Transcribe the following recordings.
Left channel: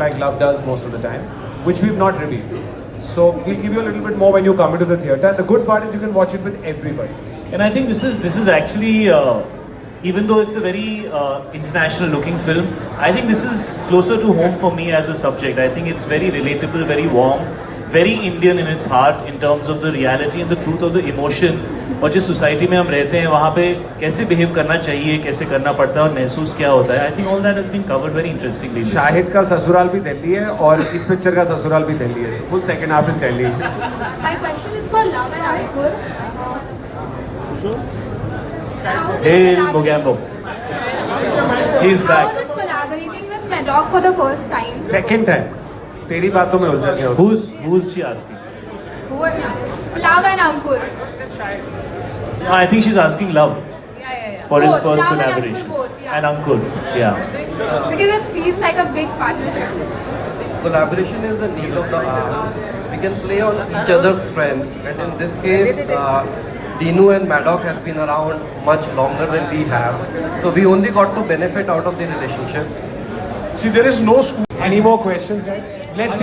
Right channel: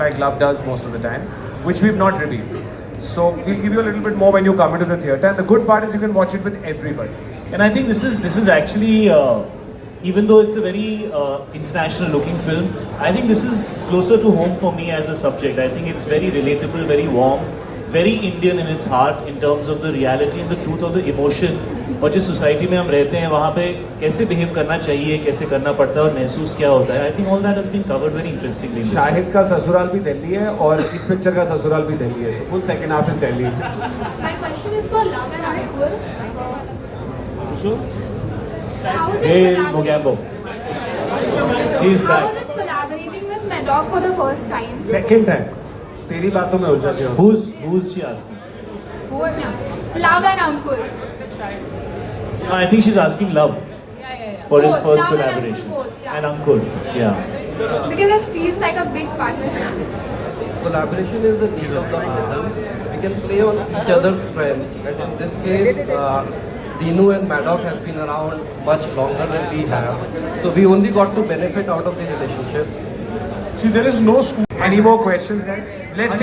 like love does most of the time, which we've not revealed. So we'll give you a little bit more when you come into the theatre. And the good part is you can watch it with everybody. And I think this is actually, even though it's a very international looking film, I think this is closer to home for me as a subject. I think it's very relatable, very warm, very Indian in its heart in terms of the reality and the truth of the emotion. और जिस society में हम रहते हैं वहाँ पे कैसे behave करना चाहिए, कैसे करना पड़ता है और महसूस क्या होता है. I think all that has been covered very interestingly. Shahid का ससुराल भी दिल्ली है और इस पिक्चर का ससुराल भी दिल्ली है. So full second half is Delhi. My question is for Love and Ankur. Hey, Mogambo. He's How back. was it collaborating with Maddock for the first time? Second time. तेरी बातों में उलझा गया. Who's she asking? Who are Love and Ankur. I think she's asking Love for his Both, first Love and collaboration. Ankur both, yeah. And Ankur, yeah. Because it feels like a big partnership. Collaboration is the need of the hour. We can play on each other's strengths, and in this case, Dinu and Maddock has been around much longer than we have, so we only got to benefit out of the relationship. See, there is no school. Any more questions, guys? Let's.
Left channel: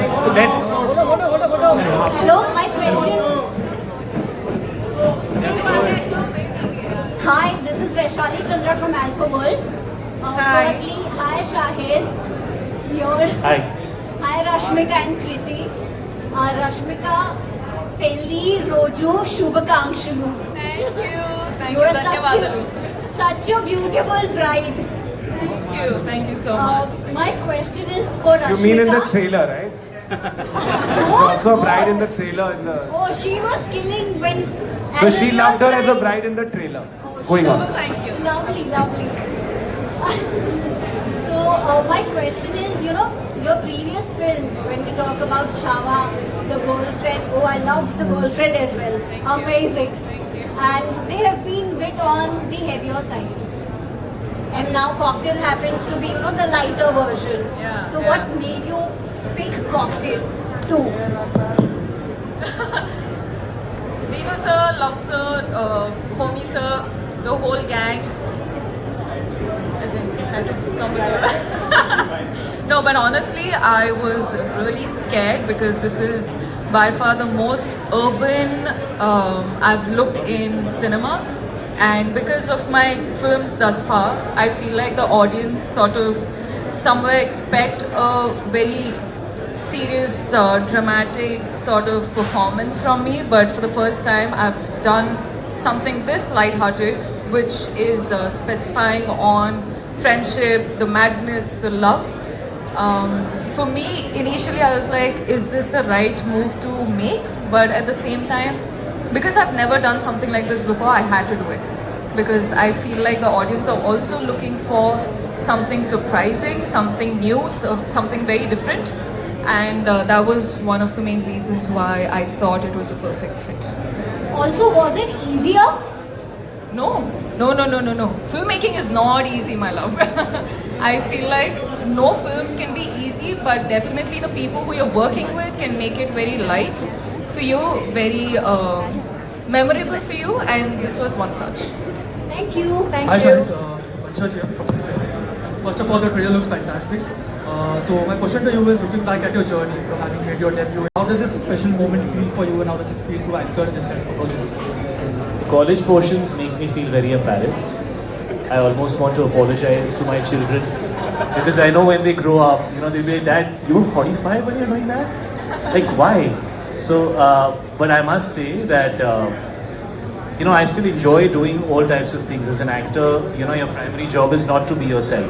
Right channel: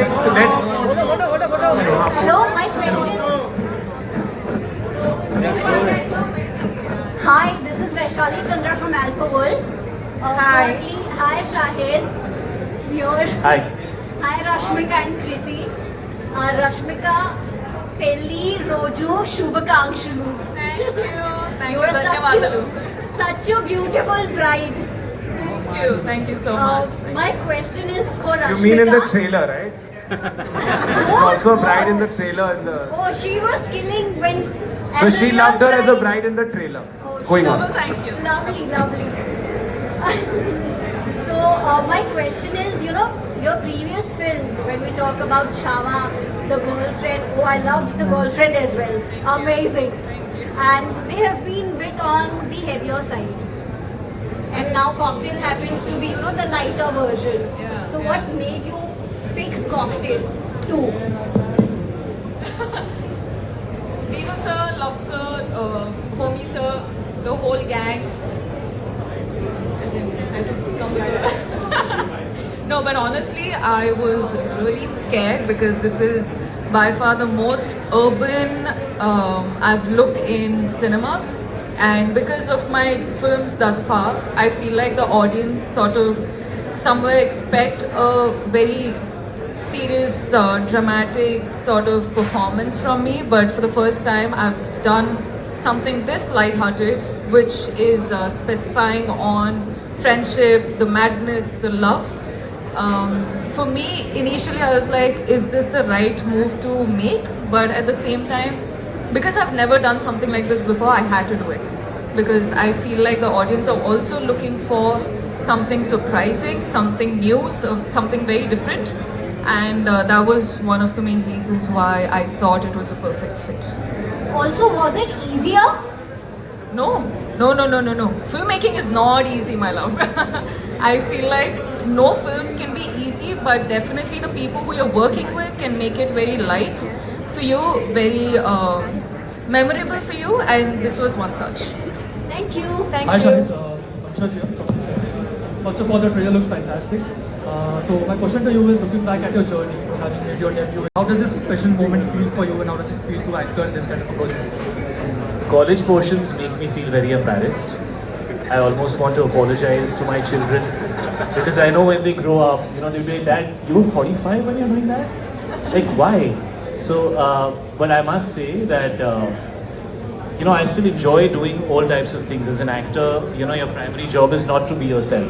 Hello, my question. Hi, this is Vaishali Chandra from Alpha World. Firstly, hi Shahid. Here. Hi. Hi Rashmika and Kriti. Rashmika, Pelli Rojo Shubhakangshalu. Thank you. You are such a beautiful bride. Thank you so much. My question is for Rashmika. You mean in the trailer, right? She's also a bride in the trailer. Oh, she was killing when. So as she a loved her real as a bride. bride in the trailer. Oh, Going she- on. Thank you. Lovely, lovely. So my question is, your previous films, when we talk about Chava, the girlfriend, oh I loved the girlfriend as well, amazing. And they have been a bit on the heavier side. And now Cocktail happens to be, the lighter version. Yeah. So what made you pick Cocktail 2? Dinu sir, Love sir, Homie sir, the whole gang. As in, no, but honestly, I was really scared because this is by far the most urban I've looked in cinema. And because of my films thus far, I feel like the audience sort of somewhere expect a very serious, dramatic sort of performance from me. But for the first time, I've done something this lighthearted, which is specifying on friendship, the madness, the love. For me, initially I was like, is this the right move to make? But at the same time, because I've never done something like this before, I had to do it. Because I feel like the audience are also looking for something surprising, something new, something very different. And that was one of the main reasons why I thought it was a perfect fit. Also, was it easier? No. Filmmaking is not easy, my love. I feel like no films can be easy, but definitely the people who you're working with can make it very light for you, very memorable for you, and this was one such. Thank you. Hi Shahid, Anshaj here. First of all, the trailer looks fantastic. So my question to you is, looking back at your journey, having made your debut, how does this special moment feel for you and how does it feel to actor in this kind of a project? College portions make me feel very embarrassed. I almost want to apologize to my children because I know when they grow up, they'll be like, Dad, you were 45 when you're doing that? Like, why? So, but I must say that, I still enjoy doing all types of things. As an actor, your primary job is not to be yourself.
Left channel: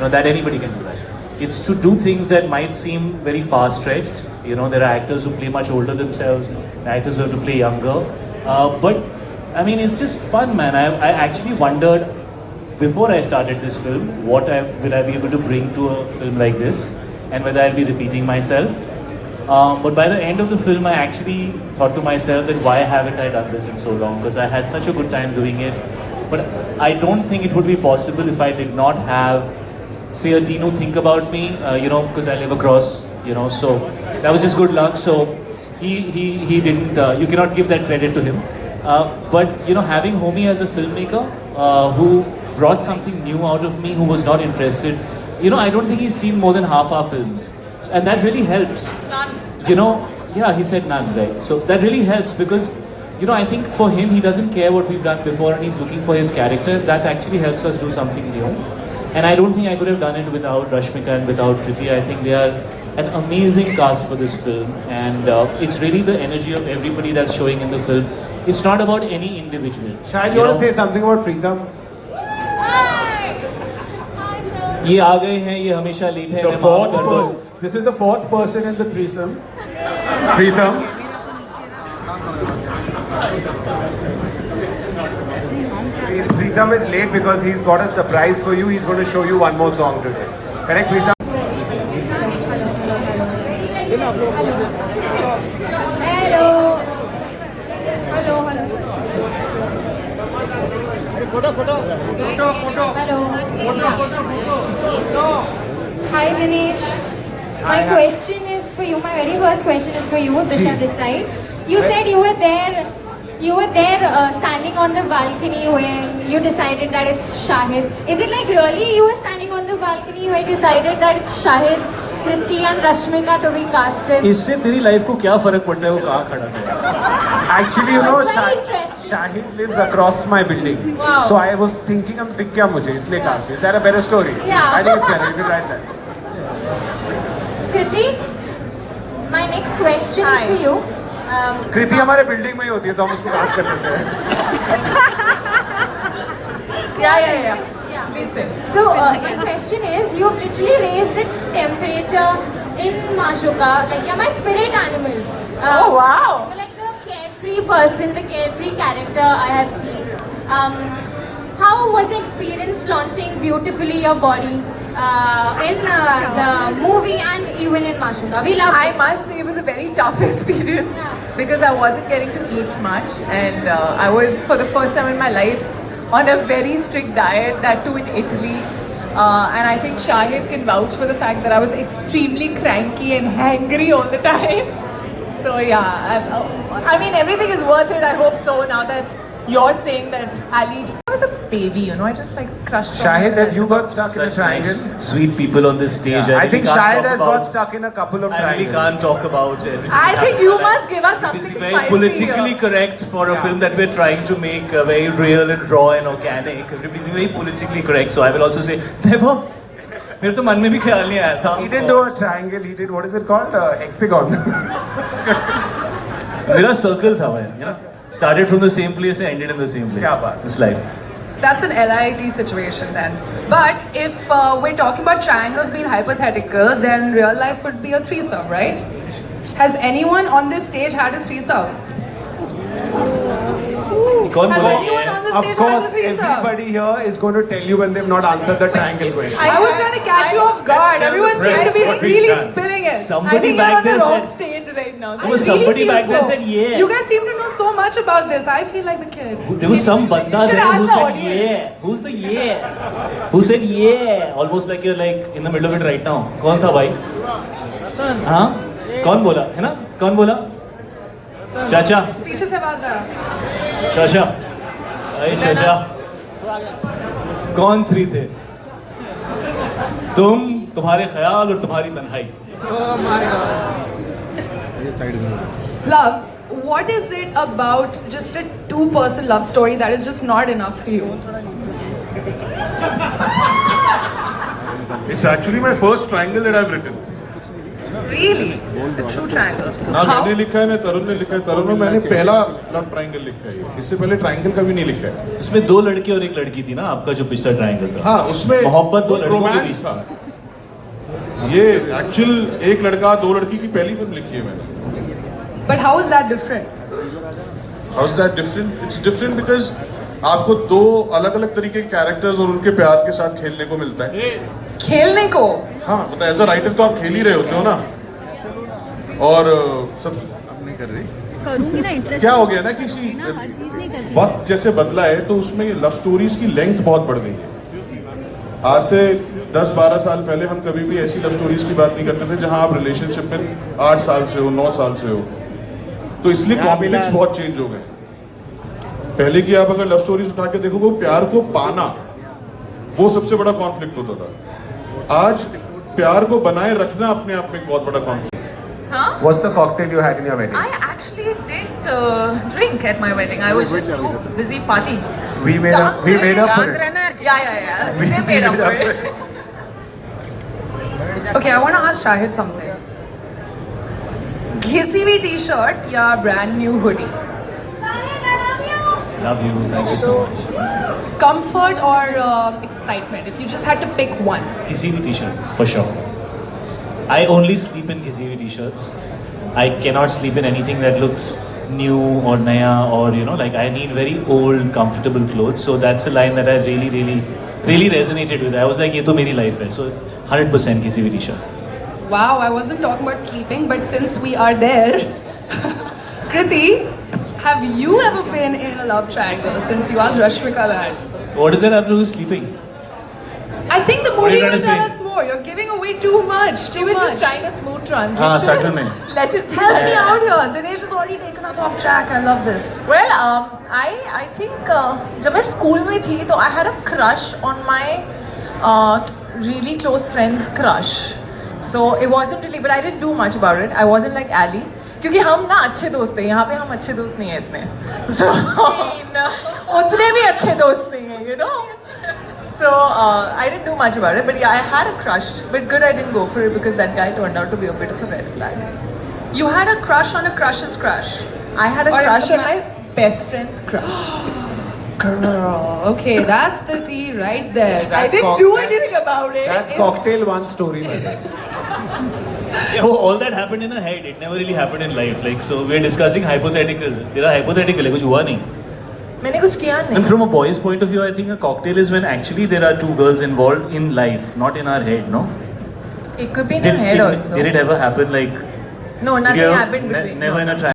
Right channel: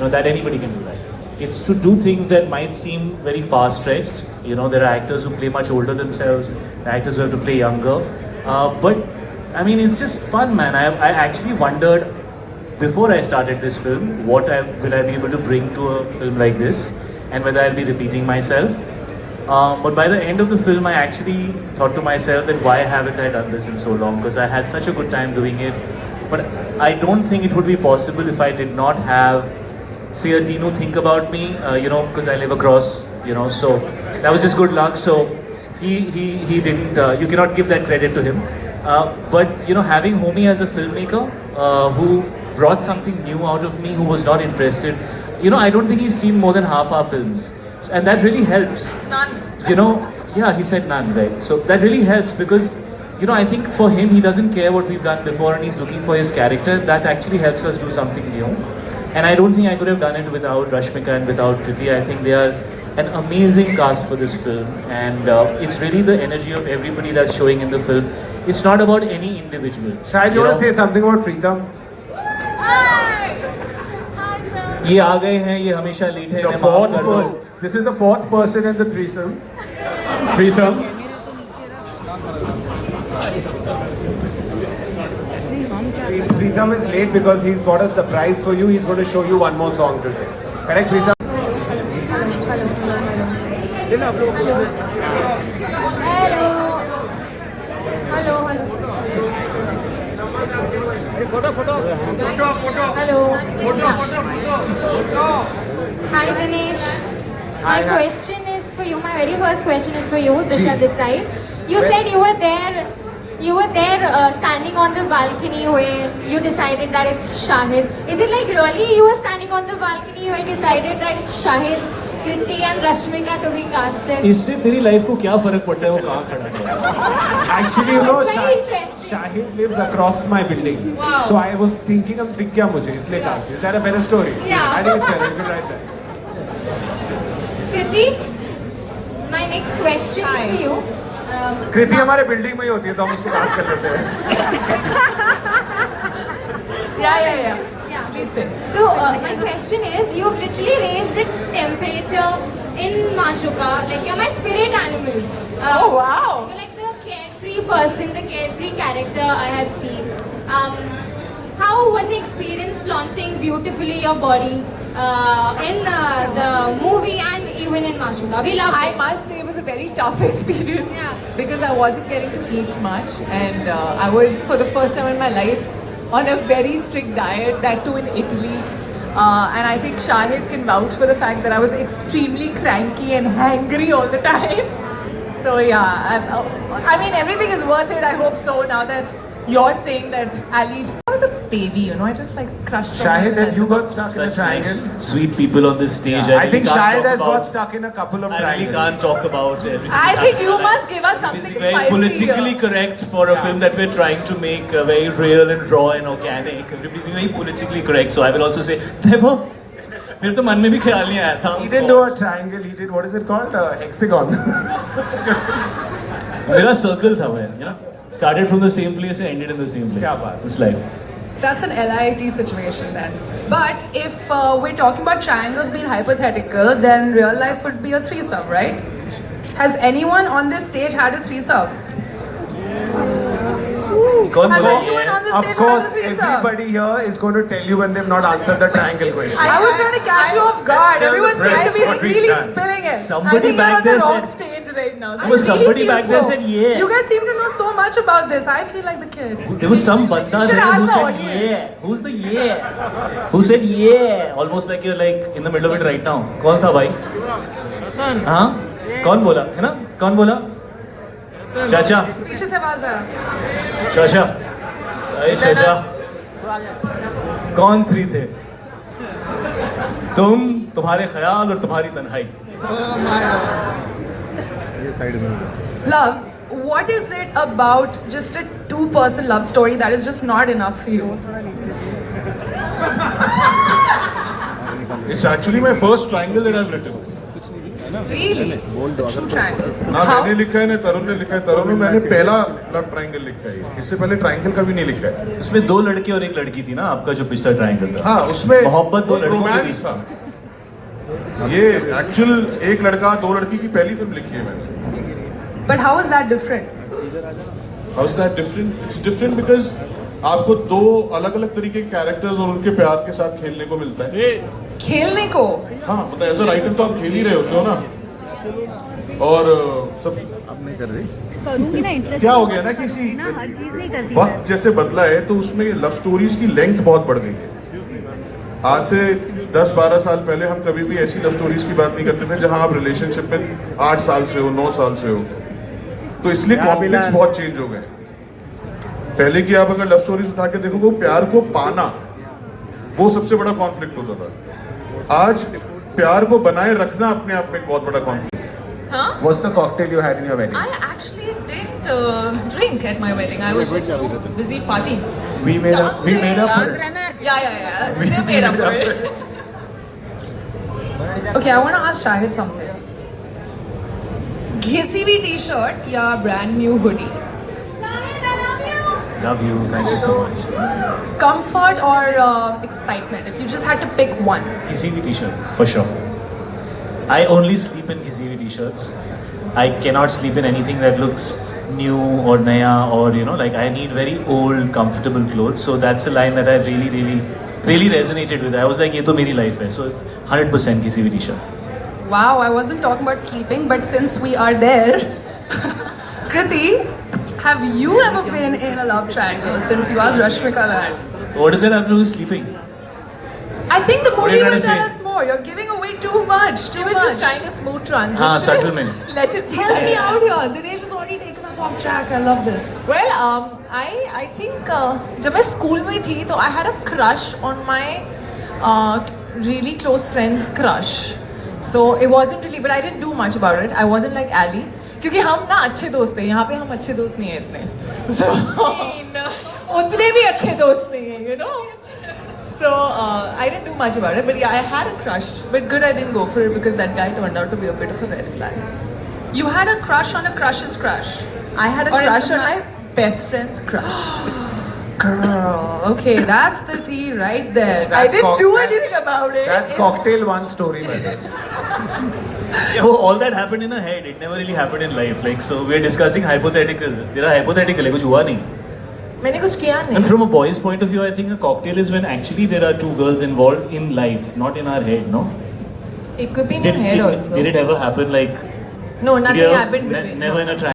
That anybody can do that. It's to do things that might seem very far-stretched. There are actors who play much older themselves, actors who have to play younger. But, it's just fun, man. I actually wondered, before I started this film, what will I be able to bring to a film like this, and whether I'll be repeating myself. But by the end of the film, I actually thought to myself that why haven't I done this in so long? Because I had such a good time doing it. But I don't think it would be possible if I did not have, say, a Dinu think about me, because I live across, so that was just good luck. So he didn't, you cannot give that credit to him. But, having Homie as a filmmaker who brought something new out of me, who was not interested, I don't think he's seen more than half our films. and that really helps. You know, yeah, he said none, right? So that really helps because, you know, I think for him, he doesn't care what we've done before and he's looking for his character. That actually helps us do something new. And I don't think I could have done it without Rashmika and without Kriti. I think they are an amazing cast for this film. And it's really the energy of everybody that's showing in the film. It's not about any individual. Shahid, you want to say something about Pritam? ये आ गए हैं, ये हमेशा lead है. The fourth person. This is the fourth person in the threesome. Pritam. Pritam is late because he's got a surprise for you. He's going to show you one more song today. Correct, Pritam? Hi Dinesh. My question is for you. My very first question is for you, Disha Desai. You said you were there. Standing on the balcony when you decided that it's Shahid. Is it like really you were standing on the balcony when you decided that it's Shahid, Kriti and Rashmika to be casted? इससे तेरी life को क्या फर्क पड़ता है वो कहाँ खड़ा है? Actually, you know, That's very interesting. Shahid lives across my building. Wow. So I was thinking, I'm दिख गया मुझे इसलिए cast. Is that a better story? Yeah. I think it's better. You can write that. Kriti, my next question is for you. कृति हमारे building में ही होती है तो हम उसको कास्ट कर लेते हैं. Yeah. Yeah. So my question is, you have literally raised the temperature in Mashuka. Like you're my spirit animal. Oh, wow. You're like the carefree person, the carefree character I have seen. How was the experience flaunting beautifully your body in the movie and even in Mashuka? We loved I it. must say it was a very tough experience Yeah. because I wasn't getting to eat much, and I was for the first time in my life on a very strict diet, that too in Italy. And I think Shahid can vouch for the fact that I was extremely cranky and hangry all the time. So yeah, I mean everything is worth it. I hope so. Now that you're saying that Ali, I was a baby, you know. I just like crushed. on Shahid, my have you got stuck in a Such triangle? nice, sweet people on this stage. I think really can't Shahid talk has about- got stuck in a couple of I really triangles. can't talk about everything. I think you must give us something It's very spicy politically here. correct for a film that we're trying to make very real and raw and organic. Everybody's very politically correct, so I will also say never. मेरे तो मन में भी ख्याल नहीं आया था. He didn't do a triangle, he did, what is it called? Hexagon. मेरा circle था मैं, you know. Started from the same place and ended in the same place. क्या बात. It's life. That's an LIT situation then. But if we're talking about triangles being hypothetical, then real life would be a threesome, right? Has anyone on this stage had a threesome? कौन Has बोला? anyone on this Of stage course, had a threesome? everybody here is going to tell you when they've not answered the triangle question. I was trying to catch you off guard. Everyone seems to be what we've really done. spilling it. Somebody I think you're back on the there wrong said- stage right now. There was somebody back there said, yeah. You guys seem to know so much about this. I feel like the kid. There was some banda You should there ask who the said audience. yeah. Who's the yeah? Who said yeah? Almost like you're like in the middle of it right now. कौन था भाई? हाँ? कौन बोला? है ना? कौन बोला? चाचा. पीछे से आवाज आ रहा. चाचा. अरे चाचा. कौन थ्री थे? तुम, तुम्हारे ख्याल और तुम्हारी तन्हाई. Love, what is it about just a two-person love story that is just not enough for you? It's actually my first triangle that I've written. Really? The true triangle. ना मैंने लिखा है ना तरुण ने लिखा है. तरुण में मैंने पहला लव ट्रायंगल लिखा है. इससे पहले ट्रायंगल कभी नहीं लिखा है. उसमें दो लड़के और एक लड़की थी ना आपका जो पिछला ट्रायंगल था. हाँ उसमें मोहब्बत दो लड़कों के रोमांस बीच था. ये एक्चुअल एक लड़का दो लड़की की पहली फिल्म लिखी है मैंने. But how is that different? How is that different? It's different because आपको दो अलग अलग तरीके के कैरेक्टर्स और उनके प्यार के साथ खेलने को मिलता है. खेलने को? हाँ मतलब एज अ राइटर तो आप खेल ही रहे होते हो ना. और सब करूंगी ना इंटरेस्ट क्या हो गया ना किसी हर चीज नहीं करती वक्त जैसे बदला है तो उसमें लव स्टोरीज की लेंथ बहुत बढ़ गई है. आज से 10-12 साल पहले हम कभी भी ऐसी लव स्टोरीज की बात नहीं करते थे जहां आप रिलेशनशिप में 8 साल से हो 9 साल से हो. तो इसलिए कॉन्फ्लिक्ट्स बहुत चेंज हो गए. पहले की आप अगर लव स्टोरीज उठा के देखोगे प्यार को पाना वो सबसे बड़ा कॉन्फ्लिक्ट होता था. आज प्यार को बनाए रखना अपने आप में एक बहुत बड़ा conflict. Huh? What's the cocktail you had in your wedding? I actually didn't drink at my wedding. I was just too busy partying. We made up for it. Yeah. They made up for it. Okay, I want to ask Shahid something. घिसी हुई t-shirt या brand new hoodie? Love you. Thank you so much. Comfort or excitement? If you just had to pick one. Kisi bhi t-shirt for sure. I only sleep in kisi bhi t-shirts. I cannot sleep in anything that looks new or naya or like I need very old, comfortable clothes. So that's a line that I really resonated with. I was like, ये तो मेरी life है. So 100% kisi bhi t-shirt. Wow, I wasn't talking about sleeping, but since we are there, Kriti, have you ever been in a love triangle since you asked Rashmika that? What does that have to do with sleeping? I think the What are movie you trying will to tell say? us more. You're giving away too much. She was just trying a smooth transition. Supplement. Let it be. Help me out here. Dinesh has already taken us off track. I love this. Well, I think जब मैं school में थी तो I had a crush on my really close friend's crush. So it wasn't really, but I didn't do much about it. I wasn't like Ali. क्योंकि हम ना अच्छे दोस्त हैं, यहाँ पे हम अच्छे दोस्त नहीं हैं इतने. So उतने भी अच्छे दोस्त नहीं हैं, you know. So I didn't do much about it, but yeah, I had a crush. But good, I didn't go for it because that guy turned out to be a bit of a red flag. You had a crush on a crush's crush. I had a Or is crush it on my best friend's crush. Girl, okay, that's the tea right there. I didn't do anything about it. That's cocktail one story, my dear. Yeah, well, all that happened in her head. It never really happened in life. Like, so we're discussing hypothetical. तेरा hypothetical है, कुछ हुआ नहीं. मैंने कुछ किया नहीं. And from a boy's point of view, I think a cocktail is when actually there are two girls involved in life, not in our head, no? It could be in your head also. Did it ever happen like? No, did nothing you ever- happened between. Never in a